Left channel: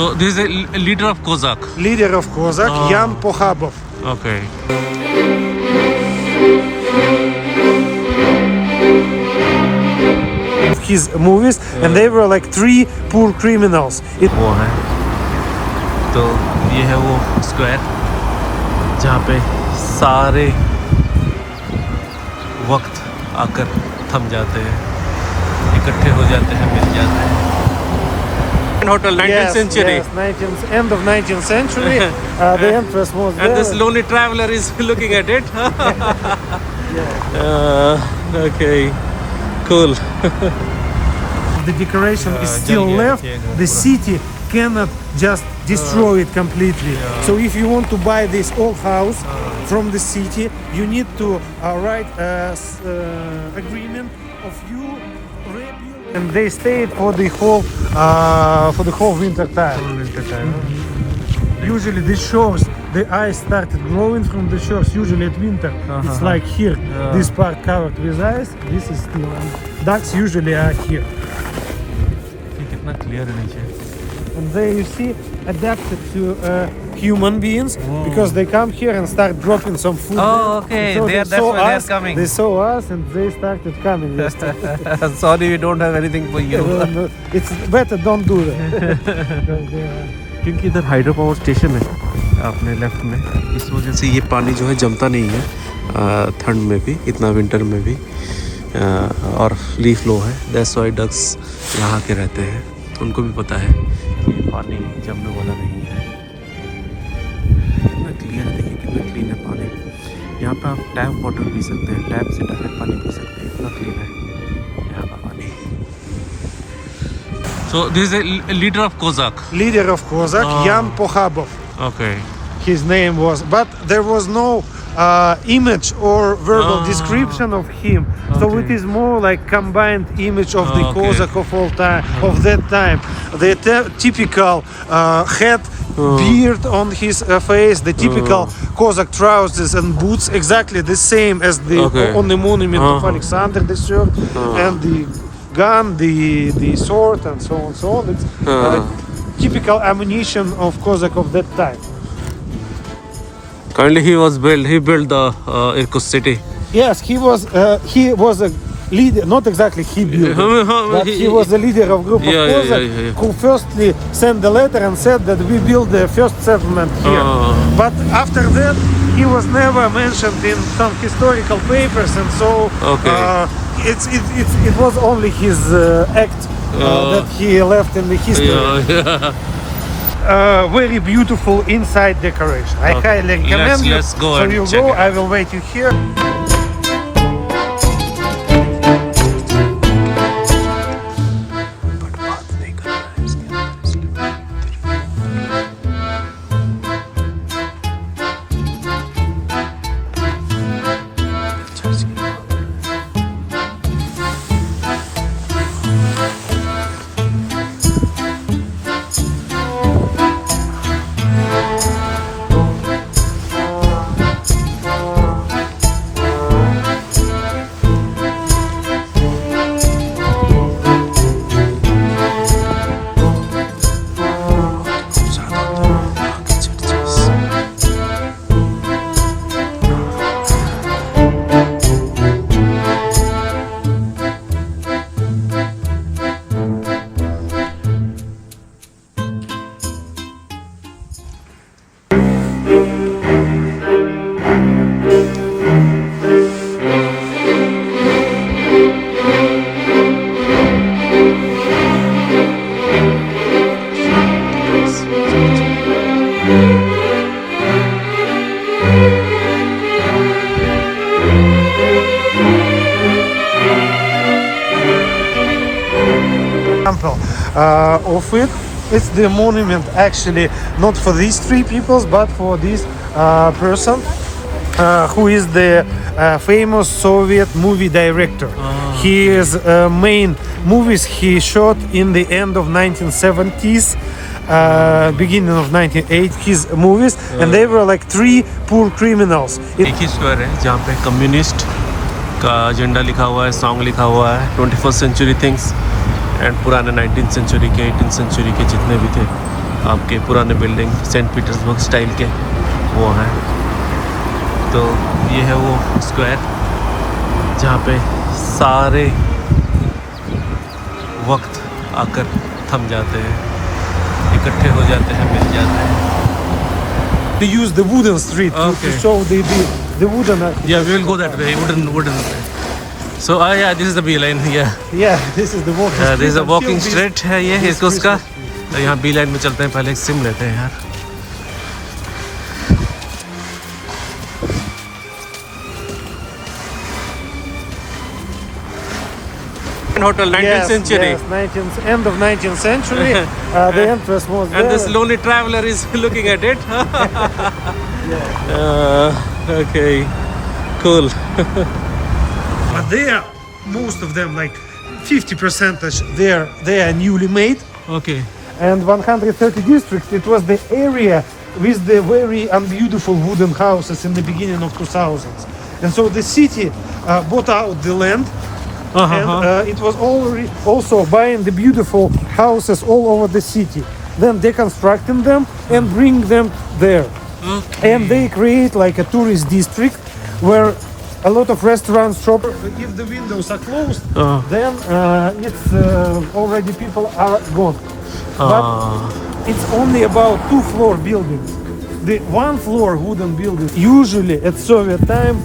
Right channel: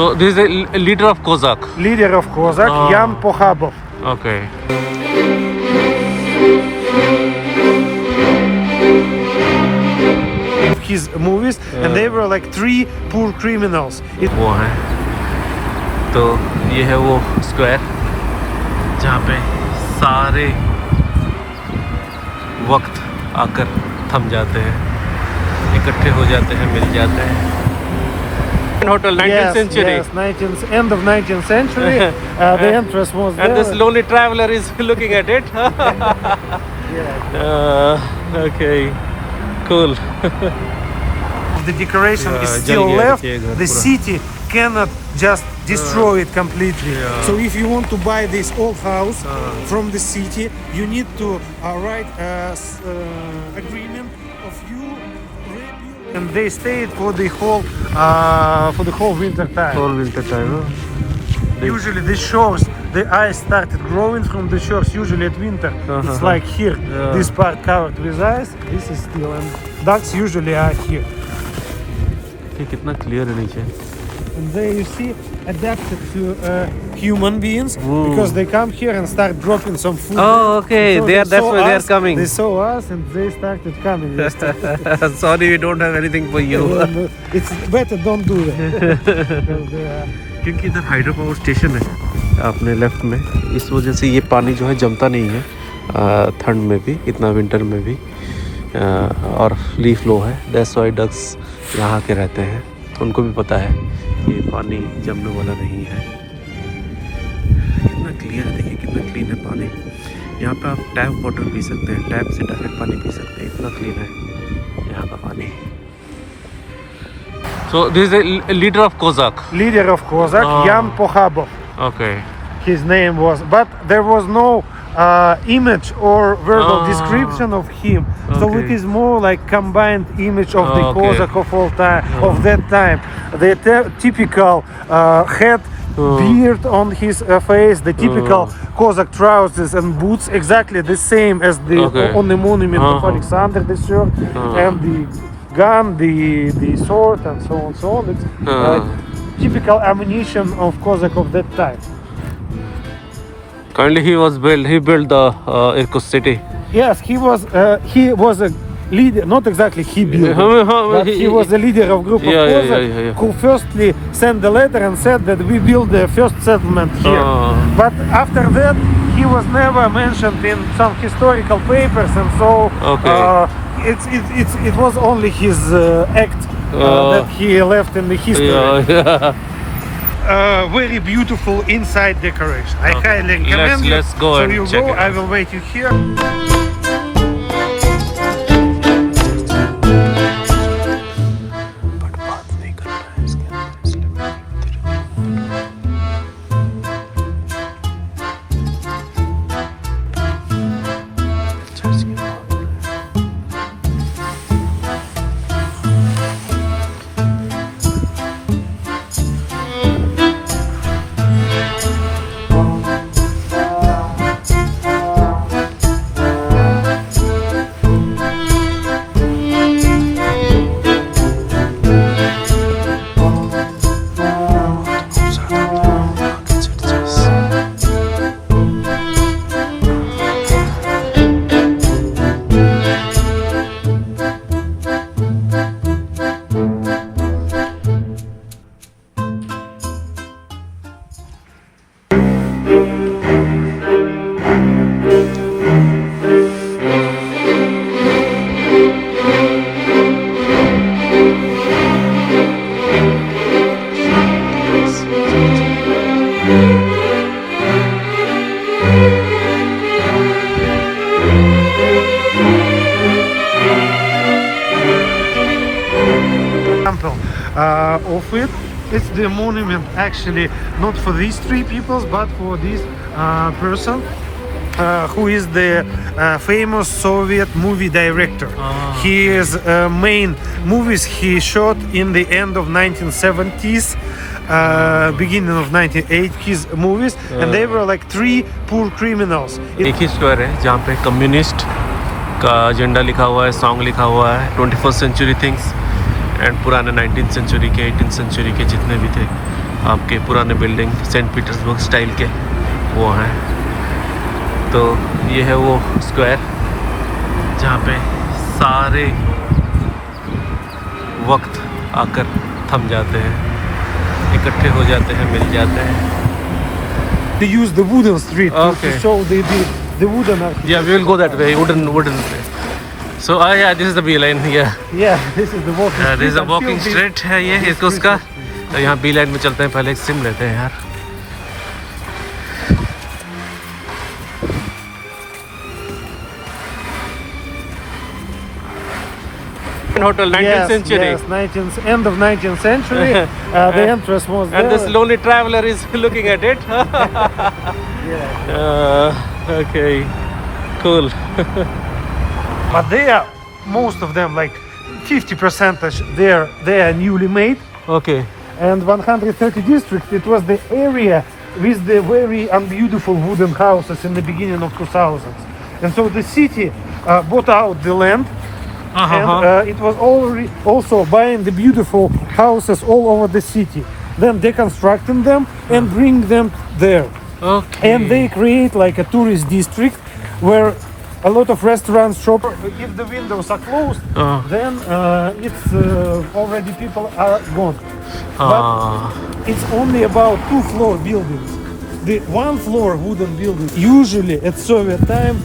So this is a leader of Kozak. Leader of Kozak, Jan Pochabov. Okay. His movies, and they were like three poor criminals. वो है तो ये है वो square जहाँ पे सारे वक्त आकर थम जाते हैं, इकट्ठे हो जाते हैं, मिल जाते हैं. Hotel 19th century. Yes, end of 19th century. The entrance was there. And this lonely traveler is looking at it. Okay, cool. The decoration is still left. The city cannot just destroy it completely. So if you want to buy this old house from the city, you need to write agreement of you rebuild. And they stayed for the whole winter time. All winter time. Usually this shows the ice started growing from the shores. Usually at winter, it's like here. This part covered with ice. This is still. Ducks usually are here. कितना clear है नीचे. And they, you see, adapted to human beings because they come here and start dropping some food. Oh, okay. So That's why they are coming. They saw us and they started coming. Sorry, we don't have anything for you. It's better don't do that. क्योंकि इधर hydro power station है अपने left में, इस वजह से ये पानी जो है जमता नहीं है ठंड में भी, इतना विंटर में भी, और लीफ लो है. दैट्स व्हाई डक्स यहाँ के रहते हैं. उनको भी पता है कि पानी जमने वाला नहीं है. कितना क्लियर है, देखिए कितना क्लीन है पानी. यहाँ पे आप टैप वाटर पी सकते हैं, टैप से डायरेक्ट पानी पी सकते हैं, इतना क्लीन है यहाँ का पानी. So this is a leader of Kozak. Leader of Kozak, Jan Pochabov. Okay. His name was, but there was no image or verbal description of him. So it is more like combined image of the Kozak of all time, of that time. The typical hat, beard on his face, the typical Kozak trousers and boots, exactly the same as the on the monument of Alexander the Third, and the gun, the sword, and so on. So on. It's typical ammunition of Kozak of that time. Currently, he built the Irkutsk city. Yes, he was a leader, not exactly he built, but he was the leader of group of Kozak who firstly sent the letter and said that we build the first settlement here. But after that, he was never mentioned in some historical papers, and so it was only his act that he left in the history. Very beautiful inside decoration. I highly recommend it. Let's go and check it out. I will wait you here. Of it, it's the monument actually not for these three peoples, but for this person who is the famous Soviet movie director. His main movies he shot in the end of 1970s, beginning of 1980s movies, and they were like three poor criminals. एक ही square है जहाँ पे communist का agenda लिखा हुआ है, song लिखा हुआ है, 21st सेंचुरी थिंग्स, एंड पुराने 19th सेंचुरी के 18th सेंचुरी के जितने भी थे आपके पुराने बिल्डिंग सेंट पीटर्सबर्ग स्टाइल के वो हैं। तो ये है वो स्क्वायर जहाँ पे सारे वक्त आकर थम जाते हैं, इकट्ठे हो जाते हैं, मिल जाते हैं। To use the wooden street Okay. to show the wooden architecture. Yeah, we will go that way, wooden way. So yeah, this is the B line. Yeah, Yeah, this is the walking this is a street. walking Until street है ये इसको उसका। यहाँ B line में चलते हैं, पहले एक सिम लेते हैं यार। Hotel 19th century. Yes, 19th, end of 19th century. The entrance was there. And this lonely traveler is looking at it. Okay, cool. But they are, most of them, like 50%, they are newly made. Okay. And 130 district, it was the area with the very unbeautiful wooden houses in the beginning of 2000s. And so the city bought out the land. And, it was also buying the beautiful houses all over the city, then deconstructing them and bring them there. Okay. And they create like a tourist district where a lot of restaurants, shop. If the windows are closed, then it's already people are gone. But it's only about 2-floor buildings. The 1-floor wooden buildings. Usually at Soviet time,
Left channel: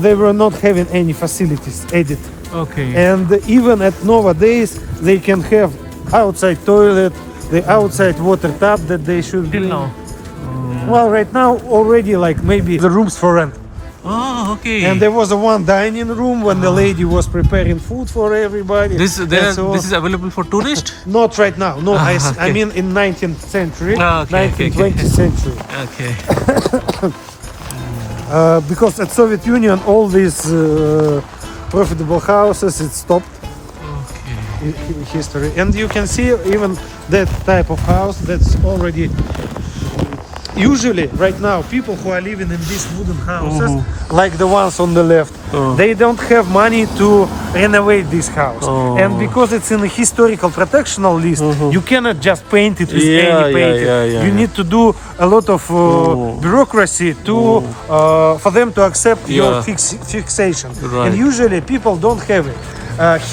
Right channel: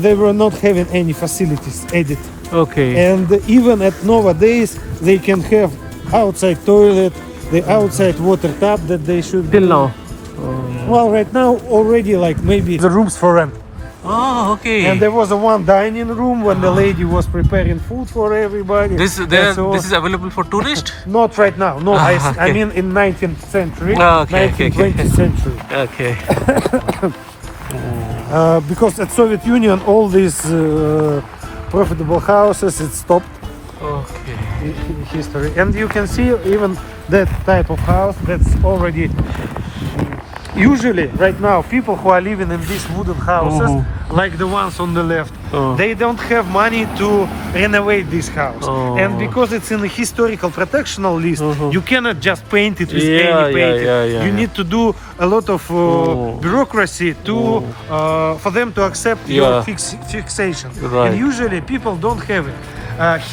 they were not having any facilities added. Okay. And even at nowadays, they can have outside toilet, the outside water tap that they should. Till now. Well, right now already like maybe the rooms for rent. Oh, okay. And there was a one dining room when the lady was preparing food for everybody. This So- this is available for tourists. Not right now. No, I okay. mean in 19th century, Okay, 19th, okay. 20th century. Okay. Because at Soviet Union, all these profitable houses, it stopped Okay. history. And you can see even that type of house that's already. Usually, right now, people who are living in these wooden houses, like the ones on the left, they don't have money to renovate this house. And because it's in a historical protectional list, you cannot just paint it with any paint. You need to do a lot of bureaucracy to for them to accept your fixation. Right. And usually, people don't have it.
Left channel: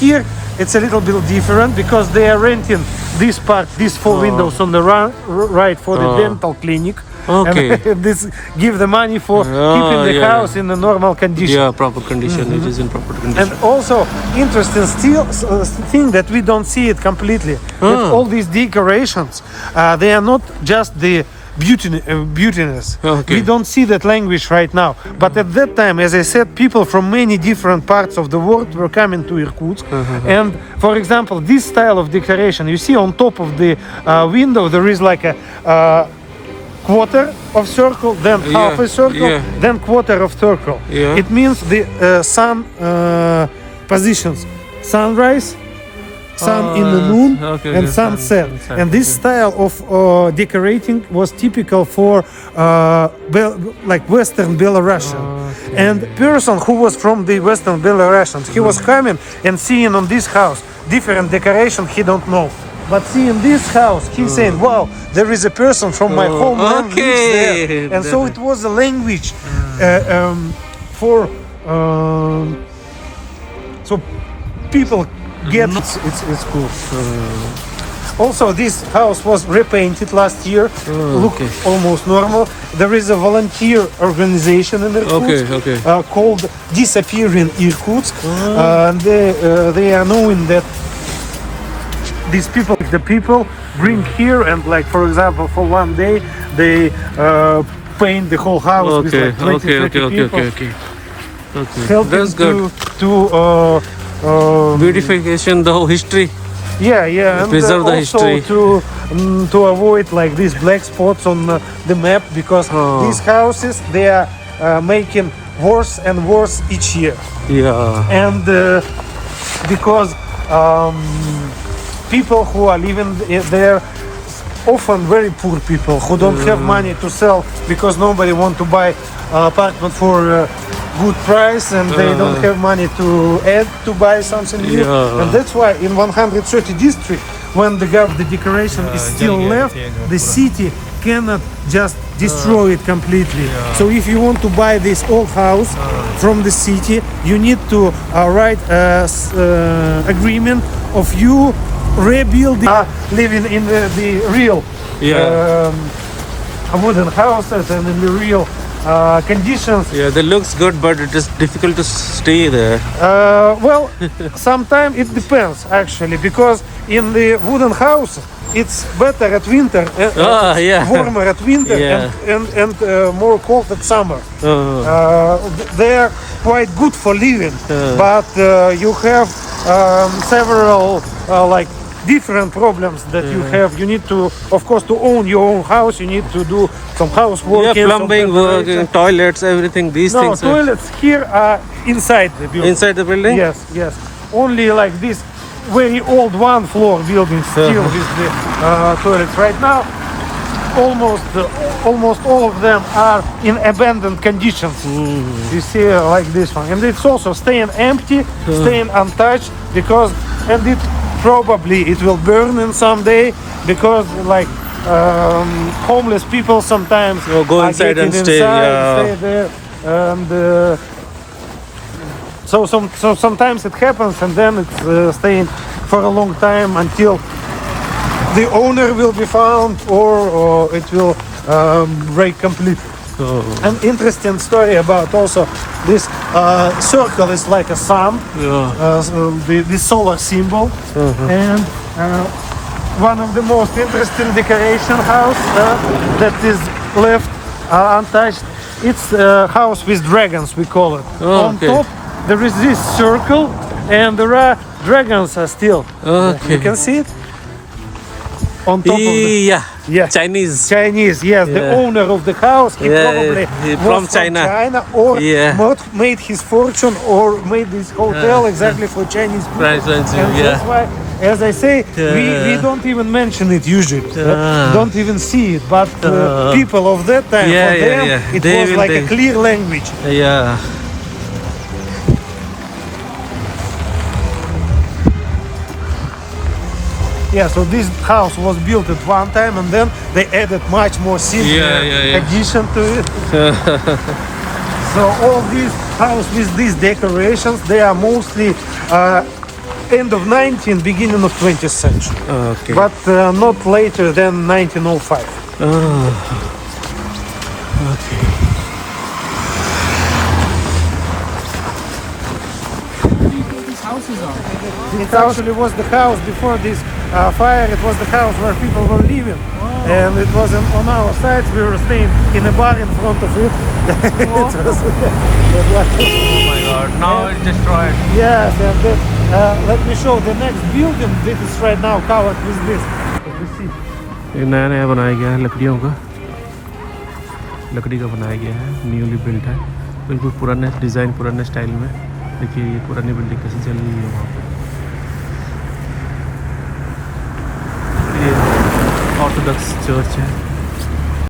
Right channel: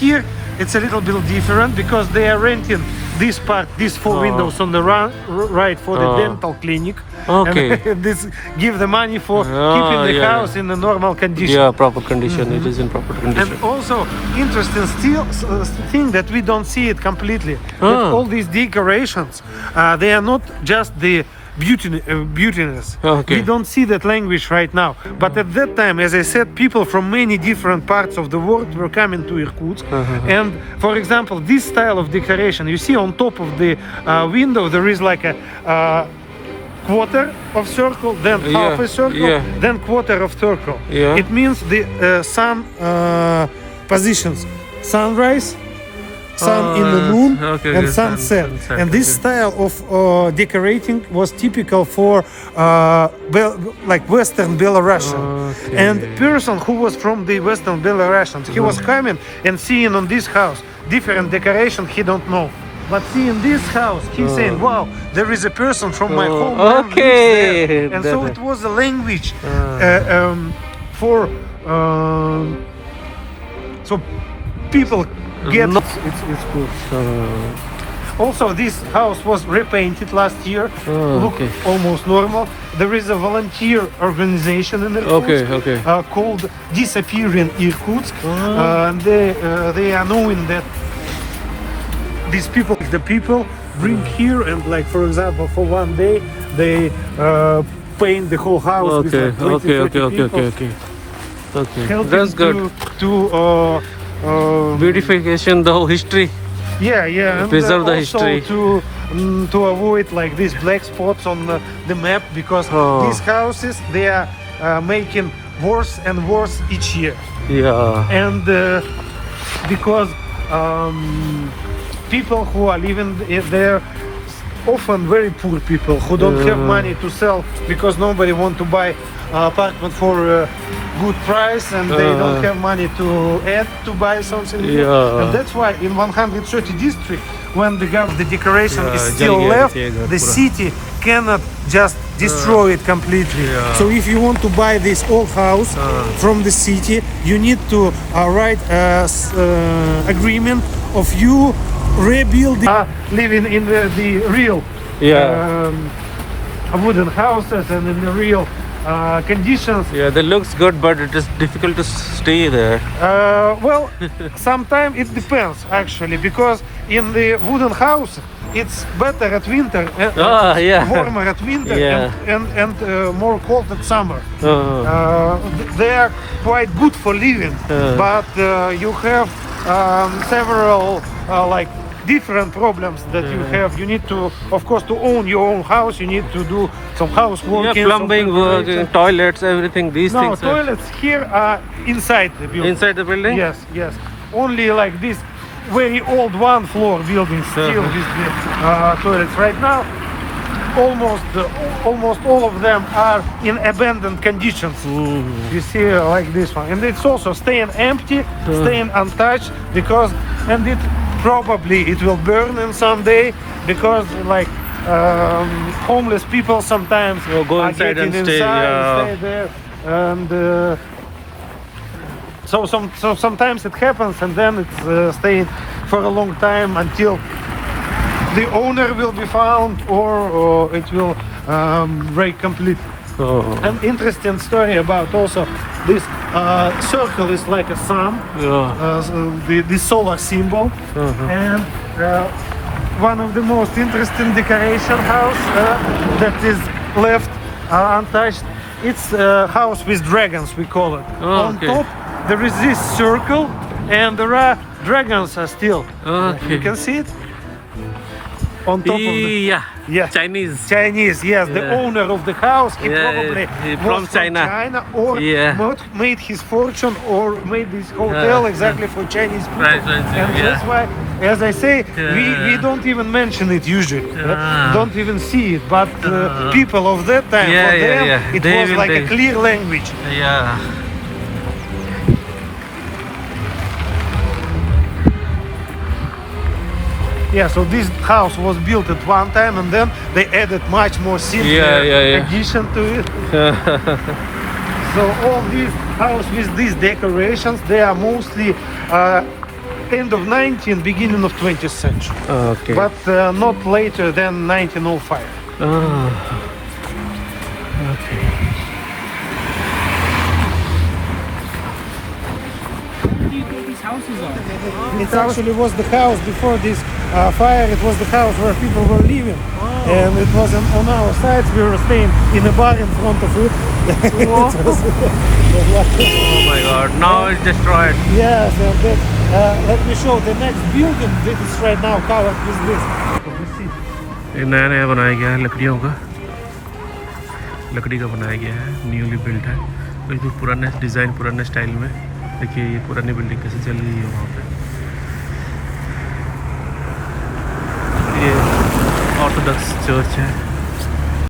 Here, it's a little bit different because they are renting this part, these 4 windows on the right for the dental clinic. Okay. And this give the money for keeping the house in a normal condition. Yeah, proper condition. It is in proper condition. And also interesting still thing that we don't see it completely. That all these decorations, they are not just the beautiness. Okay. We don't see that language right now. But at that time, as I said, people from many different parts of the world were coming to Irkutsk. And for example, this style of decoration, you see on top of the window, there is like a quarter of circle, then half a circle, then quarter of circle. It means the sun positions: sunrise, sun in the moon, and sunset. And this style of decorating was typical for like Western Belarusian. And the person who was from the Western Belarusians, he was coming and seeing on this house different decoration he don't know. But seeing this house, he's saying, wow, there is a person from my home. Okay. And so it was a language for so people get it's cool. Also, this house was repainted last year. Look almost normal. There is a volunteer organization in Irkutsk called Disappearing Irkutsk. And they are knowing that these people, the people bring here and like, for example, for one day, they paint the whole house. With like 20, 30 people. Okay. That's good. To Beautification, the whole history. and Preserve the also history. to avoid like these black spots on the map, because these houses, they are making worse and worse each year. Yeah. And because people who are living there, often very poor people who don't have money to sell, because nobody want to buy apartment for a good price, and they don't have money to add to buy something new. And that's why in 130 district when the decoration is जल still गया left, ये घर the पूरा। city cannot just destroy it completely. Yeah. So if you want to buy this old house from the city, you need to write agreement of you rebuilding, living in the real Yeah. wooden houses and in the real conditions. Yeah, that looks good, but it is difficult to stay there. Well, sometimes it depends actually, because in the wooden house it's better at winter, Yeah. warmer at winter, Yeah. and more cold at summer. They are quite good for living, but you have several like different problems that you have. You need to, of course, to own your own house. You need to do some housework. Yeah, plumbing work, toilets, everything. These No, things are toilets here are inside the building. inside the building. Yes, yes. Only like this very old one floor building still with the toilets right now. Almost all of them are in abandoned conditions. You see, like this one, and it's also staying empty, staying untouched, because it probably it will burn in someday, because like homeless people sometimes Go are inside and getting stay, inside yeah. and stay there, and so sometimes it happens, and then it's staying for a long time until the owner will be found, or it will break completely. An interesting story about also this circle is like a sun, so the solar symbol, and one of the most interesting decoration house that is left untouched. It's a house with dragons, we call it. On top there is this circle, and there are dragons still. You can see it on top of the Yeah. Chinese. yes, the owner of the house, he probably he was from China. or Yeah. made his fortune or made this hotel exactly for Chinese people. Right, And yeah. that's why, as I say, we don't even mention it usually. Don't even see it, but people of that time, Yeah, for yeah, them, yeah. it They was will like a take- clear language. Yeah. Yeah, so this house was built at one time, and then they added much more simple Yeah. addition to it. So all these houses with these decorations, they are mostly end of 19th, beginning of 20th century, Okay. but not later than 1905. Okay. Houses are. It actually was the house before this fire. It was the house where people were living, and it wasn't on our sides. We were staying in a bar in front of it. Oh my God! Now it's destroyed. Yes, and then, let me show the next building that is right now covered with this. ये नया नया बनाया गया है लकड़ियों का, लकड़ी का बनाया गया है, न्यूली बिल्ट है, बिल्कुल पुराने डिज़ाइन, पुराने स्टाइल में। देखिए ये पुरानी बिल्डिंग कैसे चल रही है वहाँ पे। ये ऑर्थोडॉक्स चर्च है।